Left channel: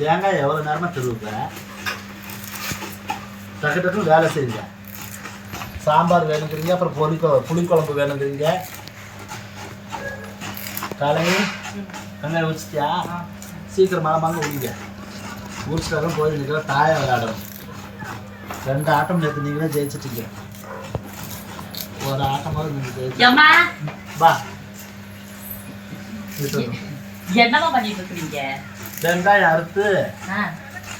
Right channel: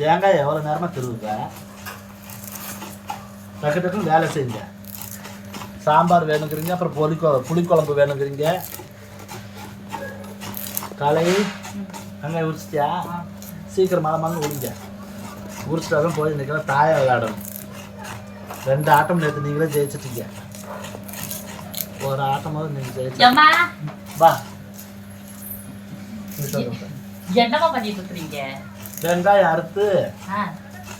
தேங்காய் எவ்வளோ நேரமாக திருவுப்பேன் டக்கு டக்குன்னு வேலை செய்யுங்க. சாம்பார் வேணுங்கிறீங்க அப்புறம் பொலி புளிக்குழம்பு வேணுங்கிறீங்க. கலை வெங்காயம் உரிச்சிட்டியா? சீக்கிரம் மரமாங்க உரிங்க. உரிச்சிட்டாலும் போய் நிற்கிற தாயை விளையாடணும். ரெண்டு ஆட்டம் நேற்று நீங்களே ஜெயிச்சிட்டீங்க. ஒரு ஆட்டமாவது நீங்கள் ஜெயிச்சு வா. என்னம்மா பண்ணிட்டு இருக்கிறீங்க? வெங்காயம் அறுத்து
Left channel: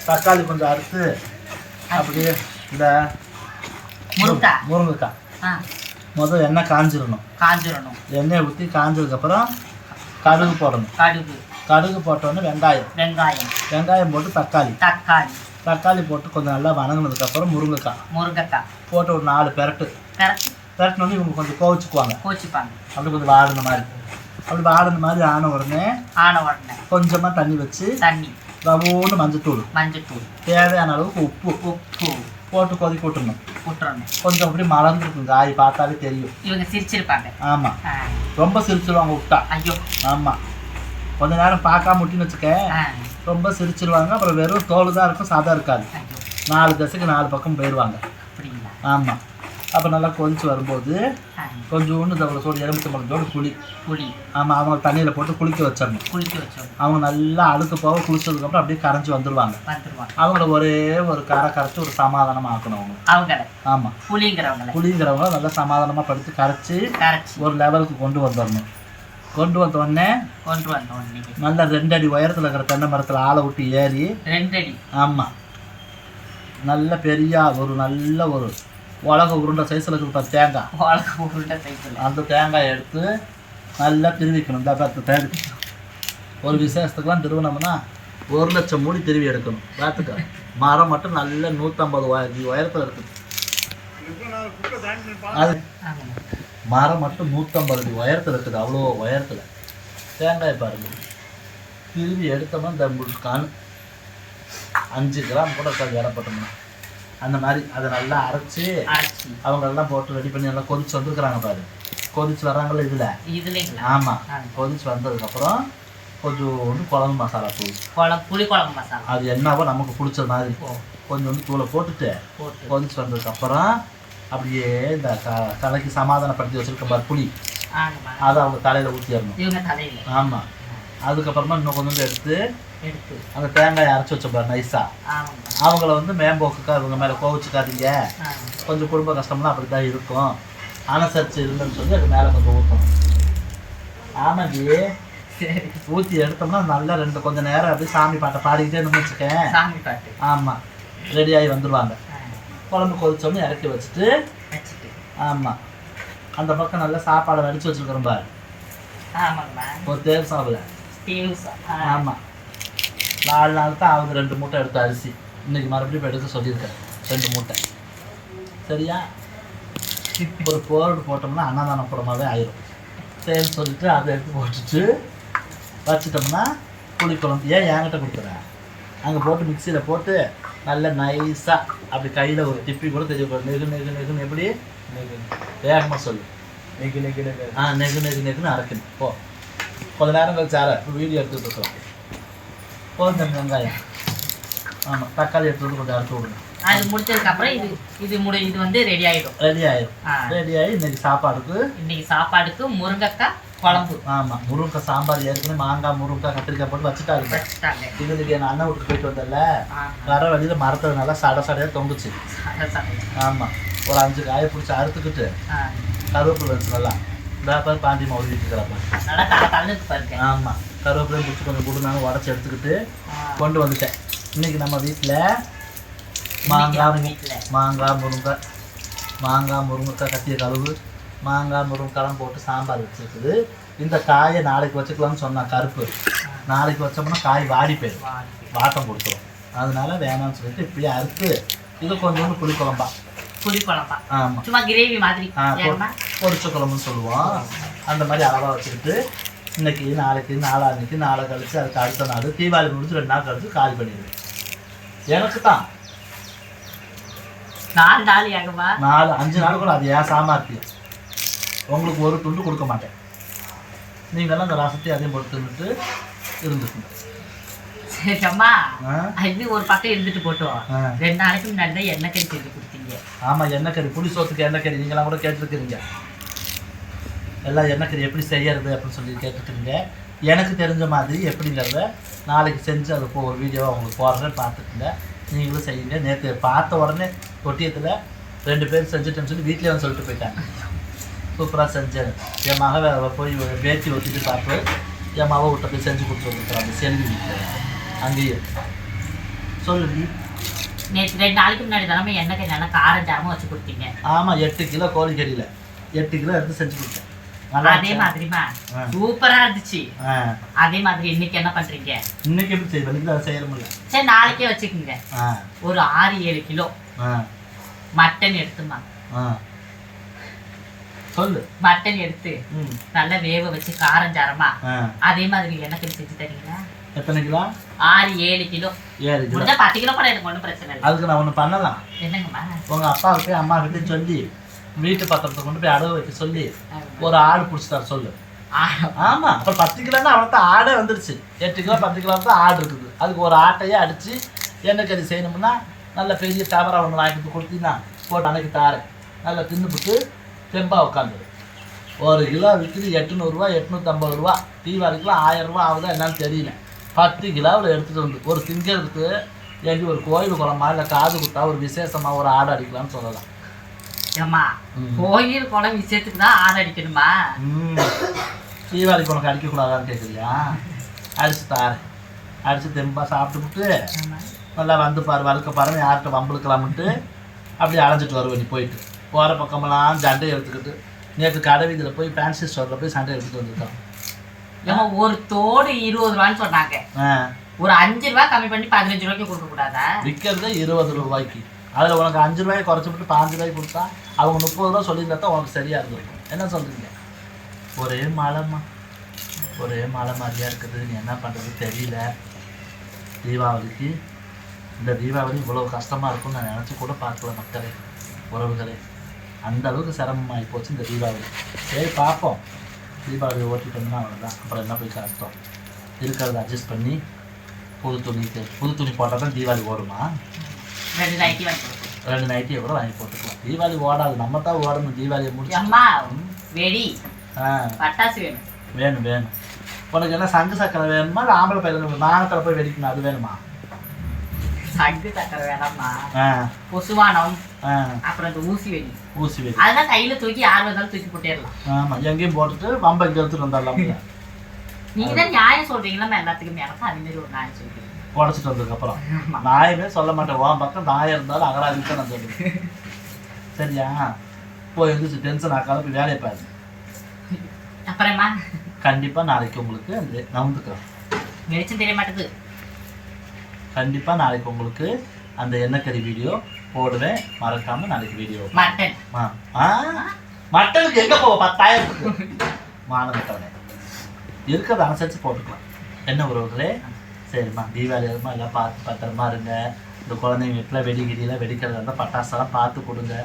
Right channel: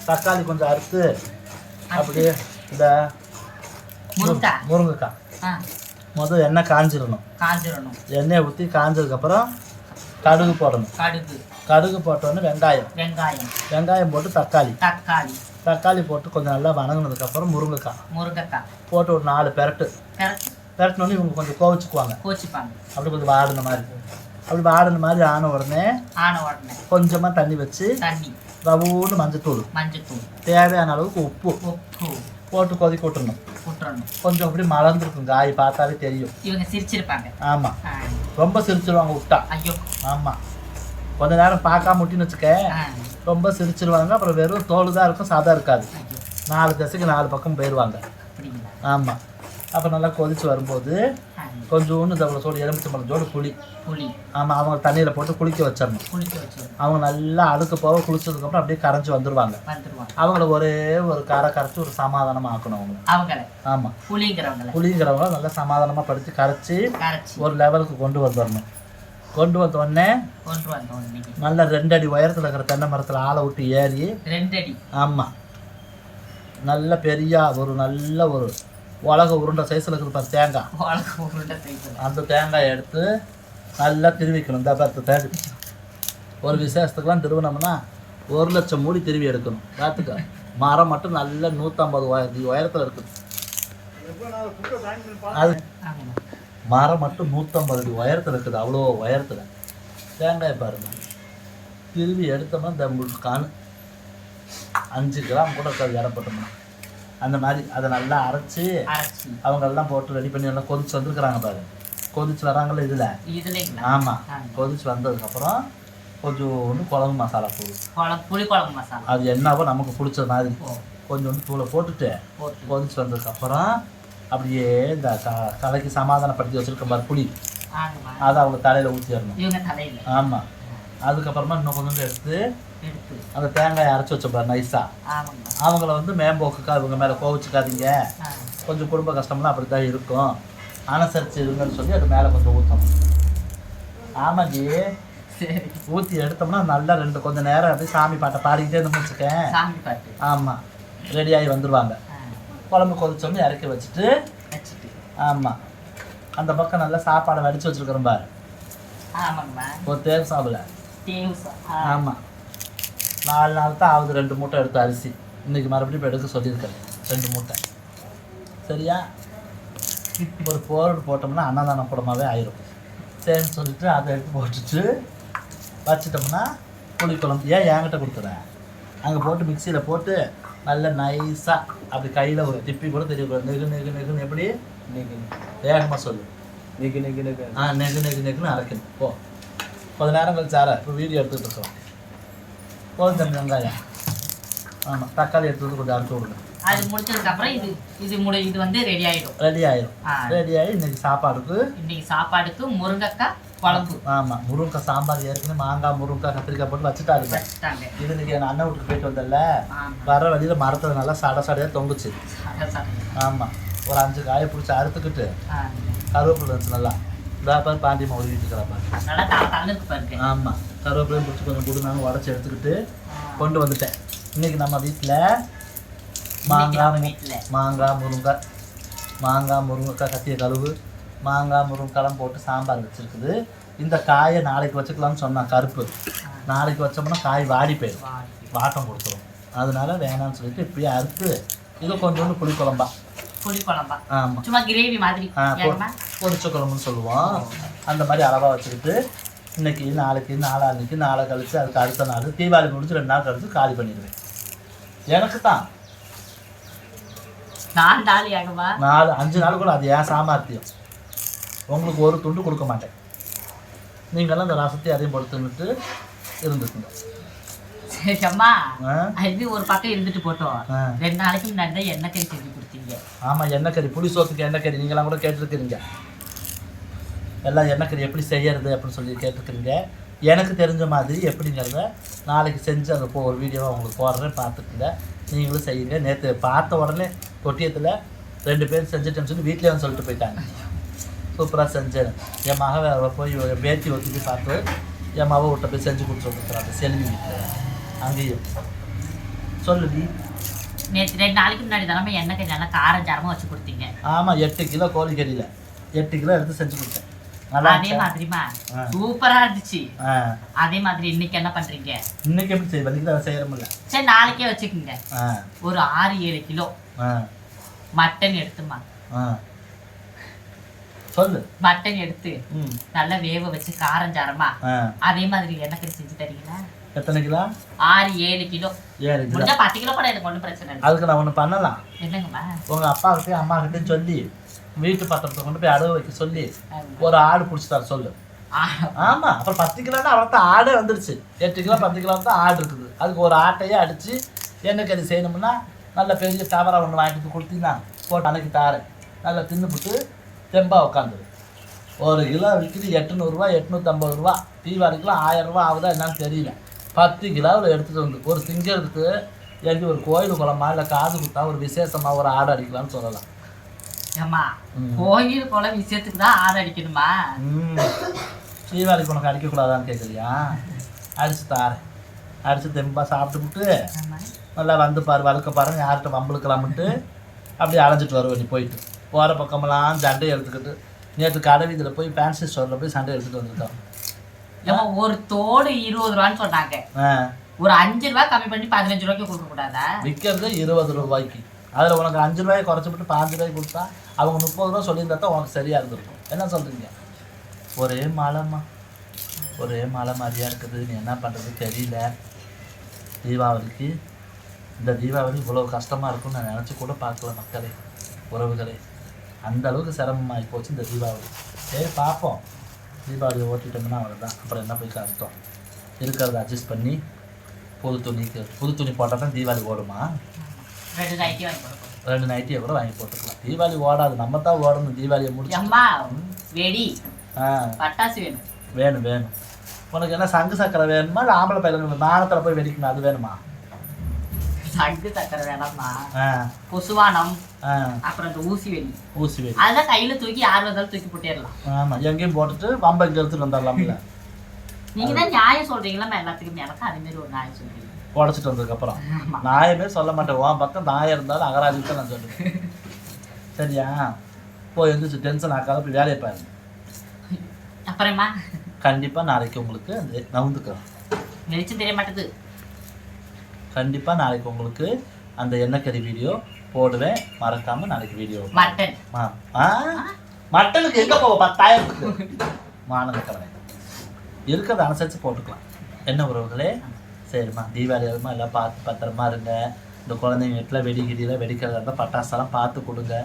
தக்காளி கொஞ்சம் அறுத்து அப்படியே இந்த முருங்கக்காய் முருங்கைக்காய் முதல் எண்ணெய் காஞ்சிடணும் காஞ்சிடணும் எண்ணெயை ஊற்றி காஞ்சதுக்கப்புறம் கடுகு போடணும். கடுகு. கடுகு போட்டோன்னே வெங்காயம். வெங்காயம். வெங்காயம் போட்டு தக்காளி. தக்காளி. தக்காளி போட்டு கொஞ்சம் நல்லா வணங்கினதுக்கப்புறம் முருங்கைக்காய். முருங்கைக்காய். போட்டு ஒரு நாலு பெரட்டு. கரெக்ட் பெரட்டினோடனே இவங்க கொஞ்சம் கோவிச்சுக்குவாங்க. கோச்சிப்பாங்க அப்படி கொஞ்சம் வாடின மாதிரி. அப்படி வாடின மாதிரி ஆன உடனே ஆன உடனே கொஞ்சமாக தண்ணி வச்சு தண்ணி ரவோன்னு மஞ்சத்தூள் மஞ்சத்தூள் தேவையான அளவுக்கு உப்பு உப்பு போட்டு கொதிக்க விட்டுறணும் விட்டுறணும் கொஞ்சம் அப்படி மலர்ந்துருக்கும் காய் பார்த்தாலே தெரியும் இவங்க சிரிச்சிருப்பாங்க ஆமாம் ரொம்ப சிரிச்சிருவாங்க விட்டா ஐயோ ஆமாம் கொஞ்ச நேரம் பார்க்காம முட்டின்னு வச்சுக்க ரொம்ப சிரிச்சிருவாங்க அப்புறம் வெறும் தோல் தான் இருக்கும் சாதம் இருக்காது நாலு திசைக்கு நாலு பக்கம் போயிடுவாங்க ஆமாம் அப்போ நல்லா கொதிச்சு வரும்போது கொஞ்சோண்டு தவளை சோடு எலுமிச்சம்பழத்தோடு புளி. புளி. ஆமாம் அவங்க தண்ணியில் போட்டு குளிக்க வச்சிடணும். குளிக்க வச்சோம் அவங்க நல்லா அழுக்கு போக குளிச்சதுக்கப்புறம் அப்படியே கரைஞ்சி வந்துடுவாங்க வந்துருவாங்க. அவங்கள ஒரே ஒரு கரை கரைச்சி ஒரு சமாதானமாக ஆக்கணும் அவங்க. அவங்கள. ஆமாம் புளிங்கிறவங்கள. புளிங்கிறவங்கள நல்லா சமாதானமாக படுத்து கரைச்சி கரைச்சி. ஒரு லெவலுக்கு கொண்டு வந்துடணும். கொண்டு வந்த உடனே கொண்டு வந்தோம் இன்னைக்கு நல்லா ரெண்டு அடி உயரத்தில் இருக்கிற தென்னை மரத்தில் ஆளை விட்டு ஏறி ரெண்டு அடி ஆமாம் நல்ல பெரிய ஒரு நல்ல ஒரு உலக உருண்டை சைஸில் இருக்கிற தேங்காய். வாழ்க்கை உருண்டை சைக்கிள் அந்த தேங்காயை எடுத்து நல்லா திருவிக்கணும். இந்த பார்த்து தேடி ஒரு விசேஷத்துக்குலாம் திருவினோம்னா ஒரு லட்சம் மூடி திருவி எடுக்கணும். பார்த்துக்க. மரம் மட்டும் நல்ல நூற்றம்பது உய உயரத்தில் இருக்குது. அது மரம் மட்டும் நூற்றம்பது அடி உயரத்தில் இருக்குது. அவ்வளோ உயரத்தில். தேங்காய் பாருங்க. திருவி எடுத்தோம்னா இந்த கண். அஞ்சு கிராம் கூட இருக்காது இடப்பட்டோம்னா அந்த மாதிரி அதை நல்லா அரைச்சி அவங்க எல்லாம் போட்டு ரெடி பண்ணி நல்லா கொதிச்சு வந்துருக்குறாங்க பாரு. கொதிச்சு வராங்கல்ல இதில்? ஆமாம். கொதிச்சு வந்ததுக்கப்புறம் கொஞ்சோண்டு குழம்பு மசாலா தூள். புளி குழம்பு மசாலா. அது என்னவோ நமக்கு பிடிச்ச மாதிரி. கொஞ்சோண்டு தூளை போட்டுட்டு போட்டு. கொதிச்சு வந்ததுக்கப்புறம் அப்படியே இந்த தலைக்கு சமாதானப்படுத்தி வச்சிருக்க பாரு புளி. அதை அவங்க தலையில் ஊற்றிடணும் ஆமாம் அதுக்கப்புறமா இன்னும் கொஞ்சம் எடுத்து எடுத்து அந்த தேங்காயை அரைச்சி வச்சப்பாரு நைஸாக அவங்கள வந்து மேம்போக்குக்கா இவங்க மேலே கோவிச்சுக்காதீங்க. கொஞ்சம் குடும்ப கஷ்டம்லாம் அப்படி தான் இருக்கும். அனுசரிச்சு இருங்கன்னு சொல்லி அது மேலே கொஞ்சம் ஊற்றணும் சரி. ஊற்றி எடுத்தோம்னா நல்லா ரெண்டு கொஞ்சம் நேரம் அப்படியே சாமி பாட்டை பாடிக்கிட்டே இருந்து வச்சுக்கேன். சாமி பாட்டு. ஆமாம் ரெடியாகி வந்துடுவாங்க குழம்பு கொதிச்சோன்னு இறக்கி வச்சுட்டு வச்சுட்டு. ஆமாம் அந்த பக்கம் நல்லா சாப்பாடை வடித்து வச்சுருக்கிறோம் பாரு. ஆமாங்கம்மா ஒரு தேர் சாப்பிட தேவசா ஆ. ஆமாம் நாலு நாள் தான் ஆகுது ரெண்டு மூட்டை எடுத்து அரிசி. இன்னைக்கு மறுபடியும் இப்போ எடுக்க சொல்லியிருக்கேன் ரெண்டு மூட்டை. சரியா? ஒரு போர்டு போட்டோம்னா அன்னதானம் கூடமாவே ஆயிரும். சரின்னு சொல்லிட்டு அதை எடுத்து போட்டுட்டு வச்சிட்டோம்னா புளி குழம்பு. ஏன் என்கிட்ட கொடுக்குறேன் அங்கே போட்டு மிக்சியில் போட்டு நல்ல நைஸாக அப்படி கையில் ஒரு திப்பி கூட தெரியும் நெகு நெகு நெகுன்னு எப்படி? வேகமாக சொல்லு. நிக்கு நிக்கு நிக்கு ஆ நெகு நெகு நெகுன்னு அரைக்கணும். போ. கொஞ்ச நேரம் கழிச்சு இப்போ வீடியோ எடுத்துட்டு இருக்கோம். போதும் வெங்காயம். ஆமாம் தக்காளி எடுத்து வந்து கொஞ்சம் அரைச்சி விடுங்க. அது முடிச்சதுக்கு அப்புறம் இது இது முடி இது வந்து ரெடி ஆயிடும். ரெடி ஆயிடும். ஆ. ரெடி ஆகி இன்னைக்கு சாப்பாடுக்கு இன்னைக்கு சாப்பாடுக்கு முருங்கைக்காய் குழம்பு. ஆமாம் முருங்கக்காய் சாம்பார் ஏற்கனவே மாங்காய் முருங்கக்காய் கத்திரிக்காய் போட்டு வச்சுட்டாங்க. இது இன்னைக்கு என் அண்ணன் வீட்டுக்கு போயிட்டு வந்தல வர வழியில் மரத்தில் நல்லா சட சடையாக தொங்குச்சு. ஆமாம் ஒரு அஞ்சு காயை பிடிச்சி அறுத்துக்கிட்டு கருவேப்பிலை வச்சு நல்லா இந்த பாண்டி தள்ளுக்கு பாருங்க. ஆமாம் கருவேப்பிலையும் பிடிச்சி கொஞ்சம் கொடுனாலும் உடச்சி எடுத்துக்கிட்டு. கொண்டு வந்துட்டேன். இன்னைக்கு நம்ம வீட்டில் மாங்காய் வீட்டுல மாங்காய் முருங்கை மாங்காய் முருங்கைக்காய் கத்திய கழுவு மாங்காய் முருங்கைக்காய் போட்டு சாம்பார் வச்சிருக்குது. இந்த காயை நாளைக்கு வச்சுக்கலாம்னு சொன்னான் கருப்பு. நாளைக்கு வச்சோம்னா காய் வாடி போயிடும். வாட்டம் கொடுத்துரும். அதனால வேணாம்னு சொல்லிட்டு இப்படியே அறுத்து இது கொஞ்சோண்டு புளி குழம்பா புளி குழம்பா ஆமாம் சும்மா கிரேவி மாதிரி? பொரிச்ச குழம்புன்னு சொல்லுவோம். அந்த மாதிரி அளவாக வச்சுக்கிட்டு இன்னைக்கு நாளைக்கு நாளான்னைக்கு நாளை கழிச்சு அதுக்கு அடுத்த நாள் தீபாவளி முடிஞ்சு ரெண்டு நாள் கழிச்சு காலி பண்ணிடுவேன். எனக்கு தான். நாள் ஆகுமா நாலு அஞ்சு நாள் கூட அது ஏன் சாமர்த்தியம். உங்களுக்கு ஒரு துண்டு கொடுக்க மாட்டேன். நீங்களாம் அந்த ரசத்தை அதையும் போட்டு தின்னுட்டு இருந்துக்கணும் சரி அம்மா. ஆ? அது ஒரு பக்கம் இருந்துட்டு போட்டோம். ரெண்டு நாளைக்கு முன்னாடி தான் எண்ணெய் கறி செஞ்சு கொடுத்தீங்க. ஆமாம் எண்ணெய் கறி புளி சோத்துக்கு எண்ணெய் கறி நீங்களாம் கூட கேட்டிருக்கிறீங்க. எல்லாம் கறி எப்படி செய்யறது அப்படின்னு சொல்லி கேட்டுருக்கிறீங்க எனக்கு தெரிஞ்ச மாதிரி எப்படிங்கிறத நாளைக்கு செஞ்சு போ ஒரு வீடியோவை உங்களுக்கு போடுறேன் பார்த்துக்குங்க. நீங்களும் செய்யுங்க. நேற்று பார்த்த உடனே தொட்டியத்தில் ரெண்டு பேர் செஞ்சுட்டேன்னு சொல்லி வீட்டிலே வந்து சொல்லிட்டு போயிட்டாங்க. சூப்பராக செஞ்சேன். என் மக போய் வேட்டி வச்சுட்டு பார்த்து என் மக விட்ட போய் செஞ்சு கொடுத்து வந்துருக்குறாங்க செல்வி வீட்டில் அங்கேயே. சொல்லு நேற்று ரெண்டு நாளைக்கு முன்னாடி தானே எண்ணெய் நல்லா காரம் சாரமாக வச்சு கொடுத்தீங்க? ஆமாம் எட்டு கிலோ கோழிக்கறியில். எட்டு கிலோ எடுத்து செஞ்சு கொடுத்தேன். அதே? மாதிரிமா. சூப்பரா இருந்துச்சு. அதே மாதிரி இன்னைக்கு என்ன பண்றீங்க? இன்னைக்கு எப்படி செய்ய முடியல சரி நாளைக்கே வச்சுக்கோங்க. ஒரு ஆறு ஏழு கிலோ. மட்டன் எடுத்துமா சொல்லு. மட்டன் எடுத்து நல்லா வேக வச்சு காரம் சாரமா அதே மாதிரி கறி செஞ்சு தரீங்களா? எத்தனை கிலோ? ஆறு ஏழு கிலோ. ஏழு கிலோ. பத்து கிலோ கூட எனக்கு ஒன்றும் பிரச்சனை இல்லை. அதுக்கு நான் ஒன்று பண்ணலாம். என்னங்கம்மா? உங்கள் அப்பாவுக்கு அம்மாக்கிட்டையும் சொல்லி வீட்டு பத்திரத்தை கொண்டு போய் அடவு வைக்க சொல்லி. ஒரு ஆடு பிடிச்சி தர சொல்லு ஆமாம் அப்புறம் பத்து கிலோன்னா அவனுக்கு ஆடே வந்துருச்சு. எட்டு கிலோ பத்து கிலோ தான் ஆடு இருக்குது. அதுக்கு ஒரு ஆட்டையே அடித்து எண்ணெய் கறி செய்யணும்னா நல்ல பெரிய கேமரா ஒன்று வாங்கிட்டு கொடுத்தீங்கன்னா போட்டு அன்னைக்கு தாரேன். நல்லா தின்னுபிட்டு தெம்பாக உட்காந்துரு ஒரு கிலோ விற்கிது எட்நூறுரூவா எட்நூற்றம்பது ரூபா. தீபாவளிக்குலாம் ஆயிரம் ரூபா ஆகுதா என்னன்னு தெரியல. பத்து கிலோவில் எடுத்துகிட்டு வந்து ஒரு திங்கிறதுக்கு எங்கே ஒரு கோயில் குளமா இல்லை காது குத்தா ஒரு விசேஷமாக ஒரு ஆடு அடிக்கலாம்னு சொல்லலாம். ஏம்மா. கோயில் குளம் விஷயத்துக்கு தான் ஆறு அடிக்கணுமா? ம். தீபாவளிக்கு உனக்கு அடிக்கக்கூடாதான்னு கேட்குறியா அடிச்சு தாரேன் அடிச்சு தெம்பாக சாப்பிட்டுவிட்டு. நல்லா வந்து பாரு வறுக்க பாருன்னு யார்கிட்ட வம்பளுக்கலாம்ட்டு அப்படியே அலைஞ்சிட்டு வருவேன் நீ போயிட்டு. போகிற பக்கமெல்லாம் சண்டை எடுத்துக்கிட்டு. நேற்று கடை வீதியில் போய் ஃபேன்சி ஸ்டோரில் போய் சண்டை எடுத்துகிட்டு வந்துருக்கோம் ஏம்மா ஒரு தோடு இருபது ரூபான்னு சொன்னாங்க. ஒரு அஞ்சு ரூபாய் கம்மி பண்ணி பதினஞ்சு ரூபாய்க்கு கொடுக்க கூடாதா விற்கிறது இருபது ரூபாய்க்கு. அதில் உனக்கு அஞ்சு ரூபாய் குறைச்சி விட்டு பாஞ்சு ரூபாய் கொடுத்தா அவங்க முப்பது ரூபா சொல்லியிருந்தா உனக்கு சரியாக இருந்திருக்கும். என்ன சொல்கிறீங்க ஒரே மழைம்மா ஒரே மழை மாதிரியாக இருக்குது. நீ என்ன பண்ணுறது தெரியல. தீபாவளிக்கு இந்த தீபாவளி இவ்வளோ கஷ்டமாக இருக்கும்னு நான் நினச்சி கூட பார்க்கல மக்களே உறவுகளே. அந்த அளவுக்கு சிரமமாகி போச்சு இந்த தீபாவளி. சரி பார்ப்போம். தீபாவளி ஓட்டிட்டோம்னா அவ்வளோதான் அப்புறம் என்ன போய் கஷ்டம் இருக்கிறத அட்ஜஸ்ட் பண்ணி புது துணிக்கு புது துணி போட்டால் தான் தீபாவளி ஓடுமா? ரெண்டு நைட்டி வாங்கி கொடுப்போம் ரெண்டு நைட்டியை கூட வாங்கி போட்டுக்கலாம். தீபாவளி ஓடாது நம்ம தான் ஓடணும் தீபாவளியை முடிச்சு. அம்மா வெடி. ஆ. பட்டாசு வேணும். வேணும் வேணும். உனக்கு என்ன சங்கு சக்கரை வேணுமா? இல்லை ஆம்பளை பையன் மானத்தில் போய் வெடிக்கணும் அது வேணுமா? சங்கு சக்கரை வேணாம்மா. ஆ. பொசுவானம் அப்புறம் இந்த ஊசி வெடி. ஊசி வெடி. அதெல்லாம் கையில தூக்கி யார் வந்தாலும் தூக்கி போட்டேடலாம். ஆமாம் எங்கேயும் போட்டுட்டு வம்ப இங்கே எடுத்துட்டு வந்துடலாம்ல. நீங்க தான் நியாயம் சொல்றீங்களா எல்லாத்துக்கும். எனக்கு அதே மாதிரி ஒரு நியாயம் சொல்றீங்க. உடச்சிட்டு வந்ததுக்கப்புறம். நாயமே சொல்ல மாட்டேன். உன் பக்கம் நாயம் இருந்தாலும் அகராஜி தான் நான் சொல்லுவேன் சரியா? போய் எந்திரிச்சு டென்ஷன் ஆக்காத போய் வேலையை பாருங்க அப்புறமா? கண்டிப்பாக நாளைக்கு உங்களுக்கு அந்த வெளிச்சம் தெரிய மாட்டேது. கண்டிப்பாக நாளைக்கு உங்களுக்கு அந்த எண்ணெய்க்கறி வீடியோ போடுவேன். மறக்காம நாளைக்கு வீடியோ மட்டன். ஆ மட்டனுக்கு எங்கே போவோம் பத்தாயிரத்துக்கு மானவட்டவனே இருக்கிறத அனுசரித்து போட்டுக்கலாம். என்ன உறவுகளே? சரிம்மா தீபாவளி வருமா எல்லாம் பார்த்து பத்திரமா இருங்க. இந்த குழந்தைங்க வீட்டில் வெடி வெடிக்கிறதா இருந்தால் பட்டாசெல்லாம் பார்த்து கொடுங்க.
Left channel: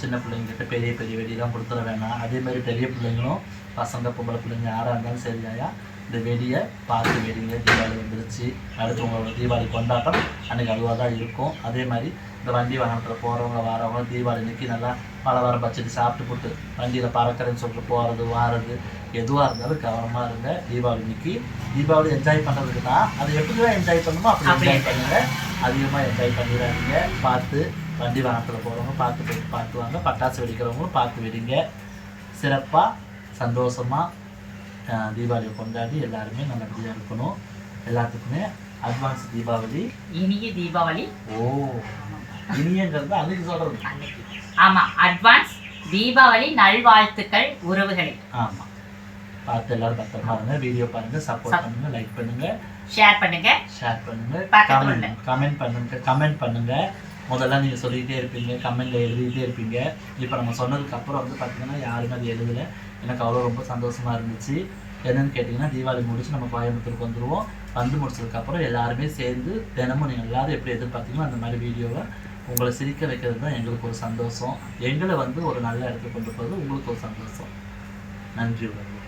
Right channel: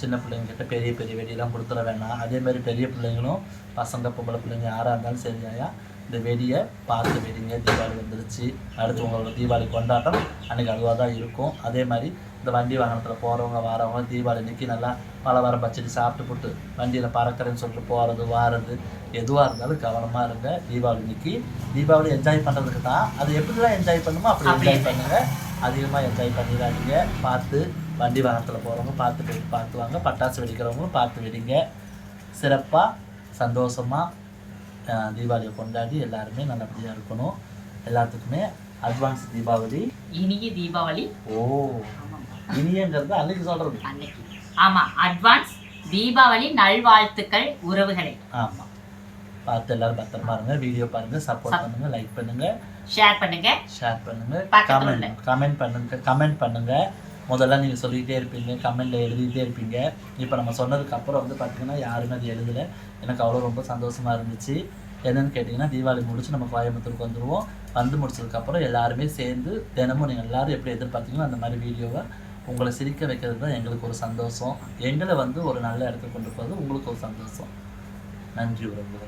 சின்ன பிள்ளைங்ககிட்ட பெரிய பெரிய வெடிலாம் கொடுத்துட வேணாம். அதே மாதிரி பெரிய பிள்ளைங்களும் பசங்க பொம்பளை பிள்ளைங்க யாராக இருந்தாலும் சரியாயா இந்த வெடியை பார்த்து வெடிங்க. தீபாவளி வந்துருச்சு. அடுத்து உங்களோட தீபாவளி கொண்டாட்டம். அன்றைக்கி அதுவாக தான் இருக்கும். அதே மாதிரி இந்த வண்டி வாகனத்தில் போகிறவங்க வரவங்க தீபாவளி அன்னைக்கு நல்லா பலகாரம் பச்சடி சாப்பிட்டு போட்டு வண்டியில் பறக்கிறேன்னு சொல்லிட்டு போகிறது வாரது. எதுவாக இருந்தாலும் கவனமாக இருங்க. தீபாவளி அன்னைக்கு தீபாவளி என்ஜாய் பண்ணுறதுக்கு தான். அது எப்படி தான் என்ஜாய் பண்ணுமோ அப்படி என்ஜாய் பண்ணுங்க. அதிகமாக என்ஜாய் பண்ணிடாதீங்க. பார்த்து வண்டி வாகனத்தில் போகிறவங்க பார்த்து போயிட்டு பார்த்து வாங்க. பட்டாசு வெடிக்கிறவங்களும் பார்த்து வெடிங்க. சிறப்பாக சந்தோஷமாக தீபாவளியை கொண்டாடி எல்லாருமே நல்லபடியாக இருக்கணும். எல்லாத்துக்குமே அட்வான்ஸ் தீபாவளி. இனிய தீபாவளி. ஓ இனியங்கிறது அன்னைக்கு சொல்கிறது அன்னைக்கு. ஆமா அட்வான்ஸ் தீபாவளி நல்வாழ்த்துக்கள் உறவுகளை. ஆமாம் பார்த்து எல்லாரும் பத்திரமா இருங்க. வீடியோ பாருங்க. சப்போர்ட் பண்ணுங்க. லைக் பண்ணுங்க. ஷேர் பண்ணுங்க. ஷேர் பண்ணுங்க. கமெண்ட் பண்ணுங்க. கமெண்ட் பண்ணுங்க. முதல்ல நீங்கள் சொல்லிக்கிட்டே இருப்பீங்க கமெண்டில் எழுதிக்கிட்டே இருப்பீங்க. இப்போ நம்ம சொன்னதுக்கு அப்புறம் வந்து பார்த்தீங்கன்னா யாருமே அது எழுதலை. எனக்கு அவ்வளோ ரொம்ப சந்தோஷமாக இருந்துச்சு. என்னென்னு கேட்டிங்கன்னா தீபாவளி முடிச்சு நம்ம கோயம்புத்தூருக்கு வந்துடுவோம் வந்து முடிச்சதுக்கப்புறம் எல்லாருமே சேர்ந்து தினமும் நீங்கள் எல்லோரும் எப்படி எதிர்பார்த்தீங்களோ அந்த மாதிரி வீடியோவை உங்களை சிரிக்க வைக்கிறது தான் எங்களுக்கு ஒரு சந்தோஷம். எங்களை வந்து ஒரு நல்ல இடத்துக்கு கொண்டு போகிறது உங்களுக்கு ஒரு சந்தோஷம். நன்றி உறவுகளே.